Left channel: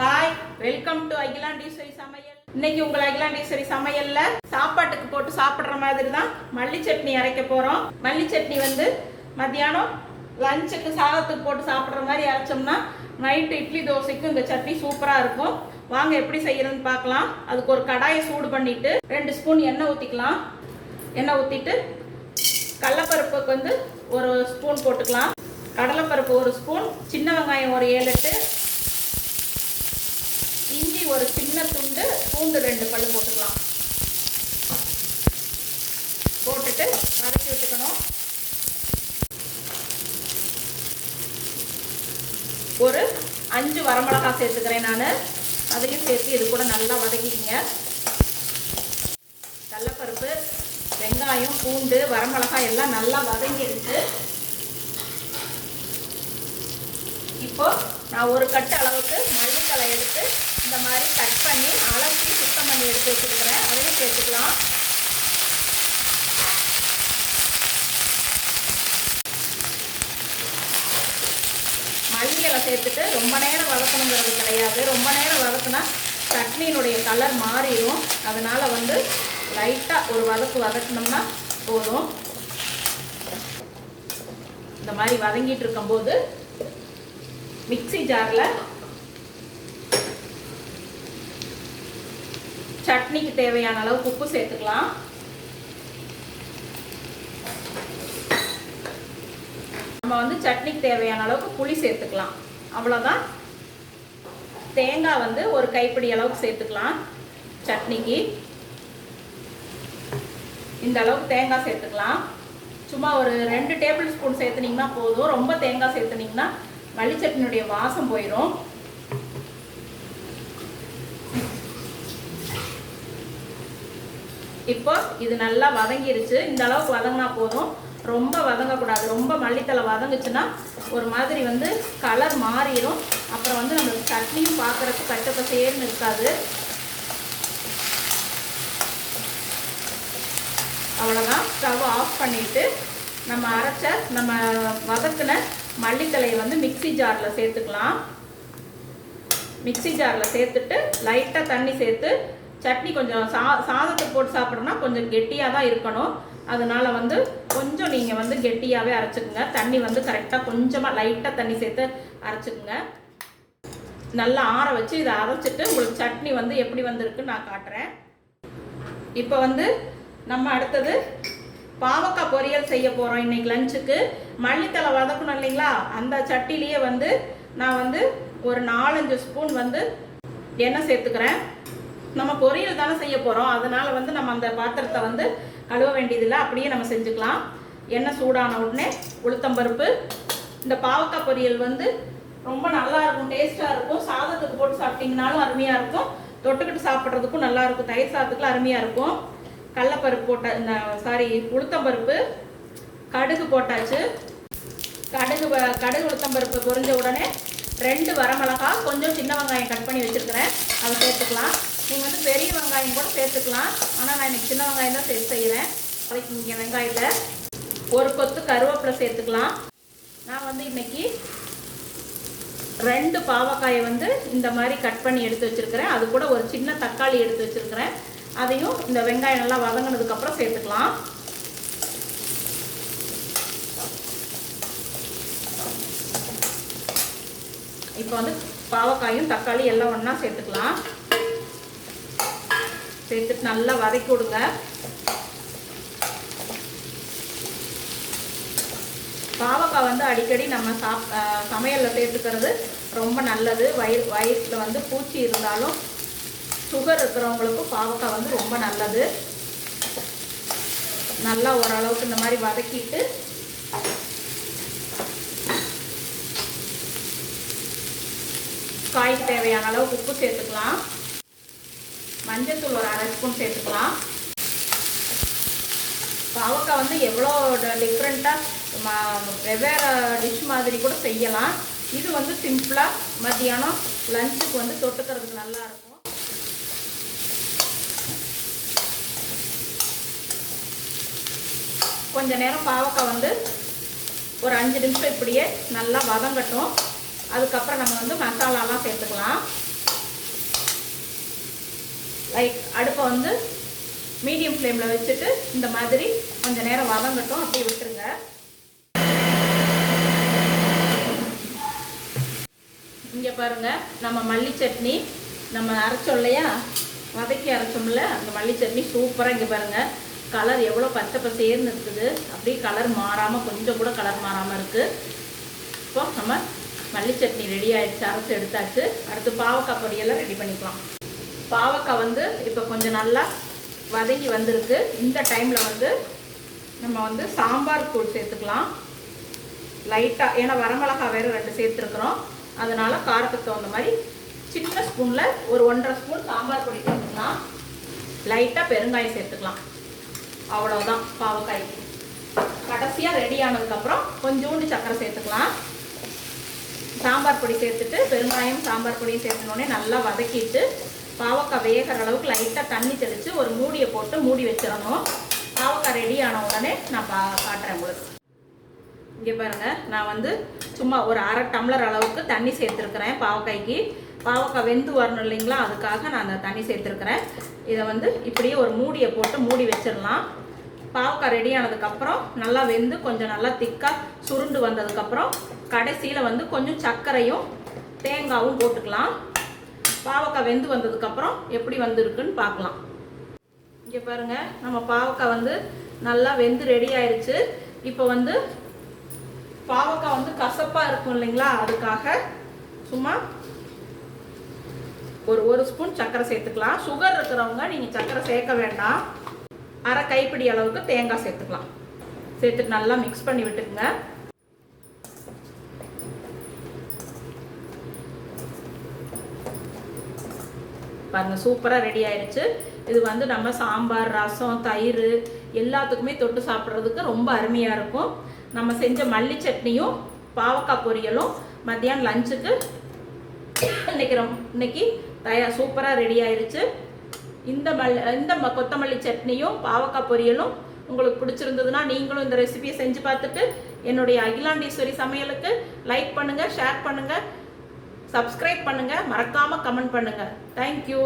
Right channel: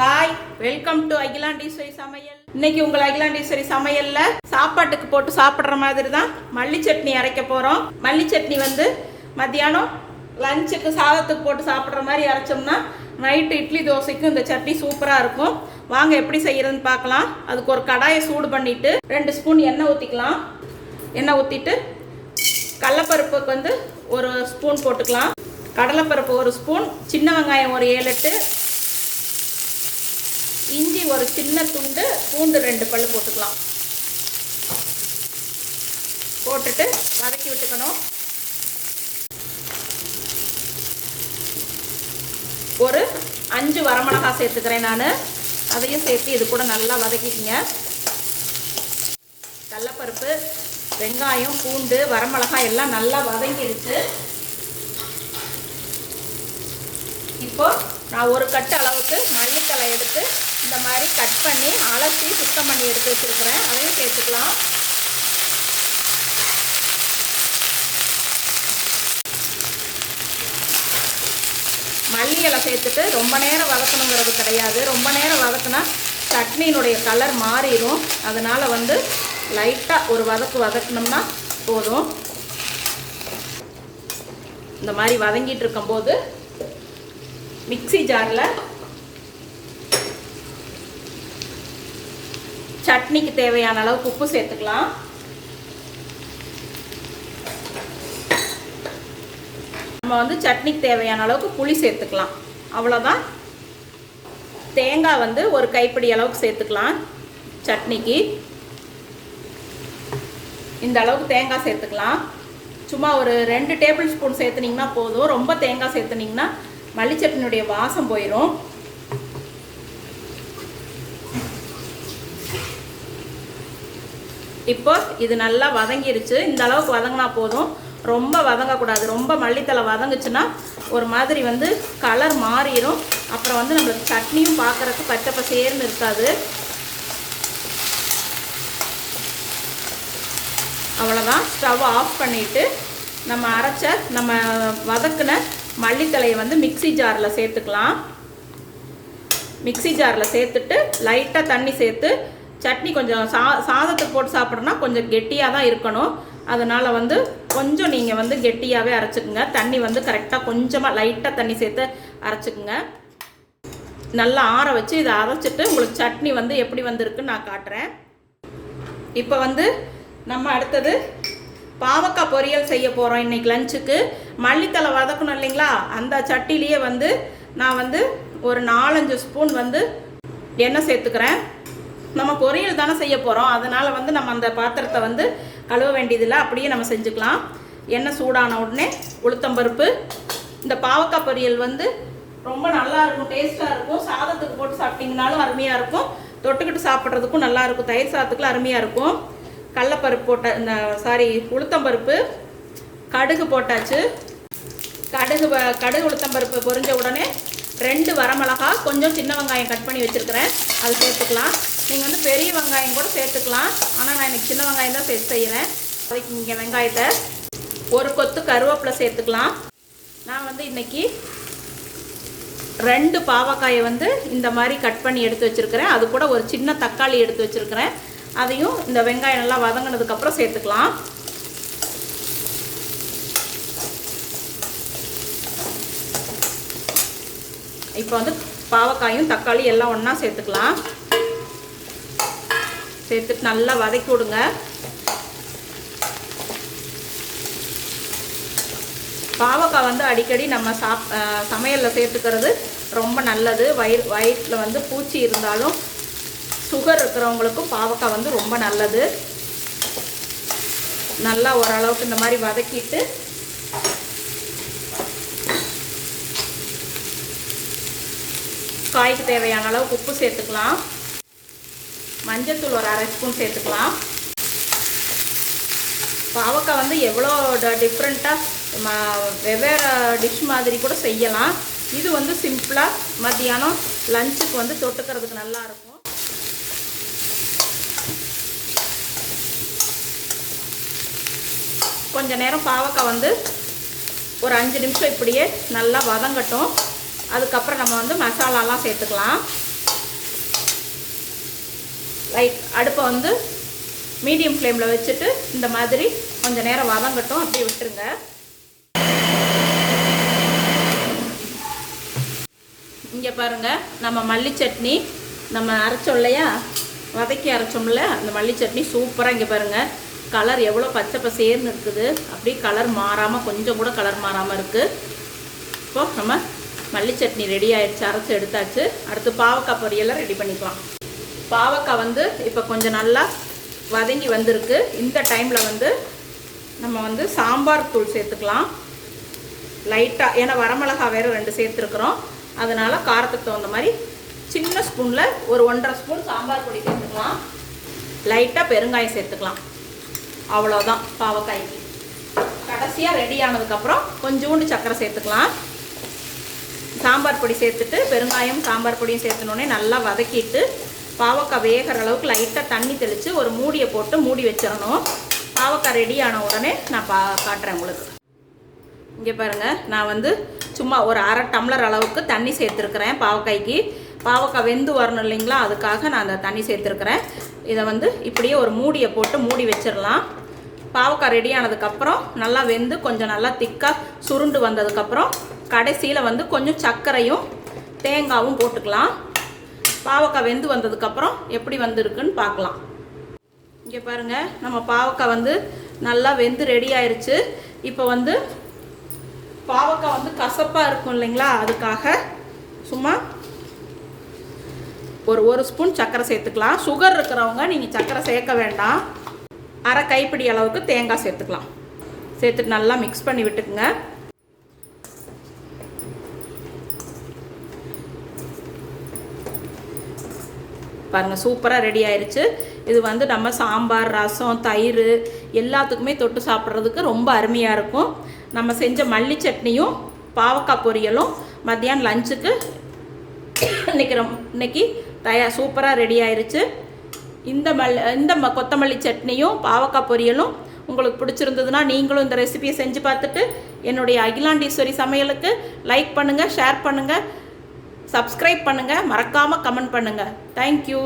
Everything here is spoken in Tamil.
ஹாய், வெல்கம் டு அகிலாண்டீஸ்வரி சமையல். இன்னைக்கு உங்கள் அகிலாண்டீஸ்வரி சமையல்ல சாப்பாட்டுக்கு போட்டு சாப்பிட்ற மாதிரி தான் மல்லி சட்னி அரைக்க போறோம். மல்லி சட்னி வந்து மத்தியானம் லஞ்சுக்கு சாதத்துக்கு போட்டு சாப்பிட்ற மாதிரி அரைச்சோம்னா நைட்டு இட்லி தோசைக்கும் இந்த சட்னி சூப்பராக இருக்கும். வாங்க எப்படி செய்யறதுன்னு பார்க்கலாம். அதுக்கு ஒரு கடாயை சூடு பண்ணிட்டு 2 ஸ்பூன் எண்ணெய் ஊற்றிக்கலாம். எண்ணெய் ஊற்றிட்டு கடலைப்பருப்புக்கு வந்து 1 ஸ்பூன் போட்டுக்கலாம். கடலைப்பருப்பு 1 ஸ்பூன், சின்ன வெங்காயம் ஒரு 7-8, இஞ்சி ஒரு சின்ன துண்டு, பூண்டு 2 பல்லு போட்டுக்கலாம். போட்டுட்டு வதக்கி விட்டுக்கணும். ஒரு 5 வரமிளகாய் சேர்த்துக்கிறேன் நான். அதையும் சேர்த்து இது கூட நல்லா வதக்கிக்கிங்க. கடலைப்பருப்பு, வெங்காயம், பூண்டு, வரமிளகாய் எல்லாம் நல்லா வதங்கிடுச்சு. இப்போ நான் ஒரு கட்டு அளவுக்கு மல்லித்தலை எடுத்து இந்த மாதிரி கட் பண்ணி அலசி சுத்தம் பண்ணி எடுத்து வச்சுருக்கிறேன். அதையும் சேர்த்துக்கலாம். மல்லிகளை சேர்த்துட்டு ரொம்ப நேரம் வதக்கணுங்கிறது கிடையாது. ரொம்ப நேரம் வதக்குனா சட்னியினுடைய கலர் மாறிடும். அதனால் வந்து லைட்டாக ஒரு வதக்கணும்னா போதும். இந்த மாதிரி வதங்கிட்டு இருக்கும்போது மிக்ஸி ஜாரில் சட்னிக்கு தேவையான அளவுக்கு உப்பு சேர்த்துக்கலாம். நம்ம வந்து சட்னிக்கு தேவையான அளவுக்கு புளி சேர்த்துக்கலாம். அவ்வளோதான். தேங்காய் வந்து ஒரு கைப்பிடி அளவுக்கு சேர்த்துக்கலாம். சட்னிக்கு இந்த அளவுக்கு தேங்காய் சேர்த்துக்கலாம். சும்மா ஒரு 2 டேபிள் ஸ்பூன் சேர்த்துனீங்கன்னா போதும். ரொம்ப தேங்காய் சேர்த்துனீங்கன்னா மல்லி சட்னியுடைய வாசம் போயிடும். இப்போ இது நல்லா வதங்கிருச்சு. இந்த அளவுக்கு வதங்கினா போதும். ரொம்ப வதங்கக்கூடாது. ரொம்ப மல்லித்தலை வதங்குச்சுன்னா ஒரு மாதிரி வந்து கலர் மாறிடும். அப்புறம் வந்து நம்மளுக்கு சட்னியும் பார்க்குறதுக்கு பச்சை பசேர்னு இருக்காது. அவ்வளோதான். ஸ்டவ் ஆஃப் பண்ணிவிட்டு நம்ம வதக்கின மல்லித்தலையை வந்து மிக்ஸி ஜாரில் சேர்த்துக்கலாம். மிக்ஸி ஜாரில் சேர்த்துட்டு லைட்டாக தண்ணி சேர்த்து சட்னி கொஞ்சம் சாதத்துக்கு போட்டு சாப்பிட்றோன்னா கொஞ்சம் கெட்டியாக தான் இருக்கணும். அதனால் வந்து கொஞ்சம் நீங்கள் வந்து கெட்டியாகவே அரைச்சிக்குங்க. தண்ணி வந்து கரெக்டாக கொஞ்சமாக லைட்டாக தண்ணி சேர்த்து அரைச்சிக்குங்க. நல்லா ஆற வச்சு இதை அரைச்சிட்டு உங்களுக்கு சட்னி வந்து எப்படி வந்திருக்குன்னு நான் காட்டுறேன். இப்போ வந்து நம்ம அடுத்தது பாவக்காய் பொரியல் செய்ய போகிறோம். இன்றைக்கி லஞ்சுக்கு மல்லித்தலை வதக்கணும் இல்லைங்களா, அந்த சட்டிலேயே வந்து நான் வந்து ஒரு 4-5 ஸ்பூன் வந்து எண்ணெய் சேர்த்துக்கிறேன். நம்ம பொரியல் தானே செய்ய போகிறோம். அதனால் வந்து நம்ம அந்த பாத்திரத்தை வந்து கழுவ வேண்டியதில்லை. அப்படியே நம்ம செஞ்சுக்கலாம். எண்ணெய் சூடான உடனே உளுத்தம்பருப்பு. இந்த பாவக்காய் பொரியல் வந்து ரொம்ப நல்லா இருக்கும், டேஸ்ட்டாக இருக்கும். சாதத்துக்கு போட்டு சாப்பிட்டிங்கனாலும் அருமையாக இருக்கும். தொட்டுக்கிட்டு சாப்பிட்றதுக்கும் நல்லா இருக்கும். தயிர் சாதத்துக்குலாம் அருமையாக இருக்கும். கடலைப்பருப்பு போட்ட உளுத்தம்பருப்பு, கடுகு போட்டாச்சு. கடுகு உளுத்தம்பருப்பு பொரிஞ்ச உடனே 2 வரமிளகாய், கொஞ்சம் சின்ன வெங்காயம் கட் பண்ணி வச்சுருக்கிறேன், அது சேர்த்துக்கலாம். நீங்கள் வந்து பெரிய வெங்காயம் கூட சேர்த்துக்கலாம். ஆனால் நான் எனக்கு சின்ன வெங்காயம் தான் சேர்த்து செய்கிறேன். அதுக்கு இங்கே வெங்காயத்தை 1 கொத்து கருவேப்பிலை சேர்த்துக்கலாம். நான் வந்து இன்றைக்கி 2 பாவக்காயை வந்து இந்த மாதிரி கட் பண்ணி எடுத்து வச்சுருக்கிறேன். அது கூட ஒரு சின்ன தக்காளி எடுத்து வச்சுருக்கிறேன். அதையும் இந்த வெங்காயம் நல்லா வதங்கினதுக்கப்புறம் சேர்த்துக்கலாம். இப்போ வந்து பாவக்காயும் தக்காளி எல்லாம் ஒன்றா சேர்த்துக்கலாம். சேர்த்துட்டு நல்லா வதக்கி விடுங்க. பாவக்காய் வந்து அடிக்கடி நம்ம சமையலில் சேர்த்துக்கிறது ரொம்ப நல்லது. வயிற்றில் வந்து பூச்சி இருந்தாலும் சுகர் இருக்கிறவங்களுக்கும் பாவக்காய் வந்து ரொம்ப நல்லது. நல்லா ஓரளவுக்கு இந்த மாதிரி வதக்கிட்டு காய்க்கு தேவையான அளவுக்கு உப்பு சேர்த்துக்கலாம். மஞ்சள்தூள் ஒரு 1/2 ஸ்பூன் சேர்த்துக்கலாம். பாவக்காய் வந்து எவ்வளோ டிஃப்ரெண்ட்டாக வெவ்வேறு டிஷ் மாதிரி கூட செய்யலாம். இது வந்து சிம்பிளாக மத்தியானம் லஞ்சுக்கு வந்து தொட்டுக்கிறதுக்கு நல்லாயிருக்கும். கொஞ்ச நேரம் பாவக்காய் வந்து ஒரு 5 நிமிஷம் இப்படியே நல்லா வதங்கட்டும். அதுக்கப்புறம் நம்ம வந்து மசாலாலாம் சேர்த்துக்கலாம். அடுப்பை வந்து மீடியம் ஃப்ளேமில் வச்சுட்டு இந்த மாதிரி கொஞ்சம் நேரம் வதங்கட்டும், அப்படியே விட்டுருங்க. இங்கே பாருங்கள், நம்ம மல்லி சட்னி நம்ம அரைச்சோம் இல்லையா, வதக்கி அரைச்சோம்ல, அந்த மல்லி சட்னி சூப்பராக இங்கே பாருங்கள் கலர் எவ்வளோ பச்சை பசேர்னு இருக்குது. அப்படி கலர் மாறாமல், கொஞ்சம் கூட கலர் மாறாமல் இருக்குது. இப்போ நம்ம மல்லி சட்னி ரெடி ஆகிடுச்சு, அரைச்சி எடுத்தாச்சு. அடுத்து பாவக்காய் பொரியெல்லாம் ரெடி பண்ணிக்கலாம். பாவக்காய் வந்து இப்போ கொஞ்சம் நல்லா வதங்கி வந்திருக்கு. இந்த டைமில் வந்து நம்ம வந்து சாம்பார் தூள் சேர்த்துக்கலாம் லைட்டாக. ஏன்னா வரமிளகா வேறு 2 சேர்த்துருக்குறோம், அதனால் காரத்துக்கு தகுந்த மாதிரி சின்ன ஸ்பூனில் ஒரு 1.5 ஸ்பூன் சாம்பார் பொடி சேர்த்துக்கலாம். லைட்டாக பெருங்காயம் சேர்த்துக்கலாம். அவ்வளோதான் பாவக்காய்க்கு. கடைசியாக ரெடி ஆனதுக்கப்புறம் கொஞ்சோண்டு சர்க்கரை சேர்த்துக்கலாம். சாம்பார் பொடி சேர்த்துட்டு பெருங்காயம் சாம்பார் பொடியும் சேர்த்துனோடனே நல்லா வதக்கிட்டு பாவக்காய் வேகிற அளவுக்கு லைட்டாக தண்ணி தெளித்து ஒரு மூடியை போட்டு மூடி வச்சிடணும். பாவக்காய் ரெடி ஆன உடனே நான் காட்டுறேன் உங்களுக்கு. இங்கே பாருங்கள், நான் வந்து சும்மா ஒரு 1/2 டம்ளர் அளவுக்கு தண்ணி சேர்த்துருக்குறேன் பாவக்காய்க்கு. பாவக்காய் வெந்து வரணும் இல்லைங்களா, அதுக்காக நான் அந்த தண்ணி சேர்த்துருக்குறேன். இதை வந்து இப்படியே ஒரு மூடியை போட்டு மூடி வச்சிடலாம். பாவக்காய் ரெடி ஆனதுக்கப்புறம் நல்லா வெந்து கொஞ்சம் நல்லா திக்காக சுருண்டு வந்ததுக்கப்புறம் கடைசியில் வந்து கொஞ்சம் சர்க்கரையும் தேங்காயும் போட்டுக்கலாம். பாவக்காய் வெந்து வந்ததுக்கப்புறம் எப்படி வந்துருக்குன்னு பார்க்கலாம். இங்கே பாருங்கள், நம்ம பாவக்காய் வந்து நல்லா வெந்து ரெடி ஆயிடுச்சு. இப்போ வந்து பாவக்காய் வந்து கசப்பாக இருக்கும் இல்லைங்களா, அதுக்காக சும்மா ஒரு ஸ்பூன் சர்க்கரை சேர்த்துக்கலாம். சுகர் இருக்கிறவங்க நீங்கள் சர்க்கரை சேர்க்க வேண்டாம். 1/2 கைப்பிடி அளவுக்கு தேங்காய் சேர்த்துக்கலாம். சேர்த்துட்டு நல்லா மிக்ஸ் பண்ணி விட்டுக்குங்க. பாருங்கள், சூப்பராக ரெடி ஆயிடுச்சு. இது வந்து நம்ம சாம்பார், ரசம், தயிர் எல்லாத்துக்குமே தொட்டு சாப்பிட்றதுக்கு ரொம்ப அருமையாக இருக்கும். நம்ம செஞ்ச மல்லி சட்னியும் பாவக்காய் பொரியலும் மத்தியானம் லஞ்சுக்கு இன்னைக்கு சூப்பராக ரெடி ஆயிடுச்சு. இந்த கொத்தமல்லி சட்னியும் பாவக்காய் பொரியலும் உங்களுக்கு பிடிச்சிருந்ததுன்னா நீங்களும் இந்த ரெசிபியை செஞ்சு பார்த்துட்டு என்னுடைய அகிலாண்டீஸ்வரி சமையலுக்கு லைக் பண்ணுங்கள், ஷேர் பண்ணுங்கள், சப்ஸ்கிரைப் பண்ணுங்கள், மறக்காமல் கமெண்ட் பண்ணுங்கள். தேங்க்யூ.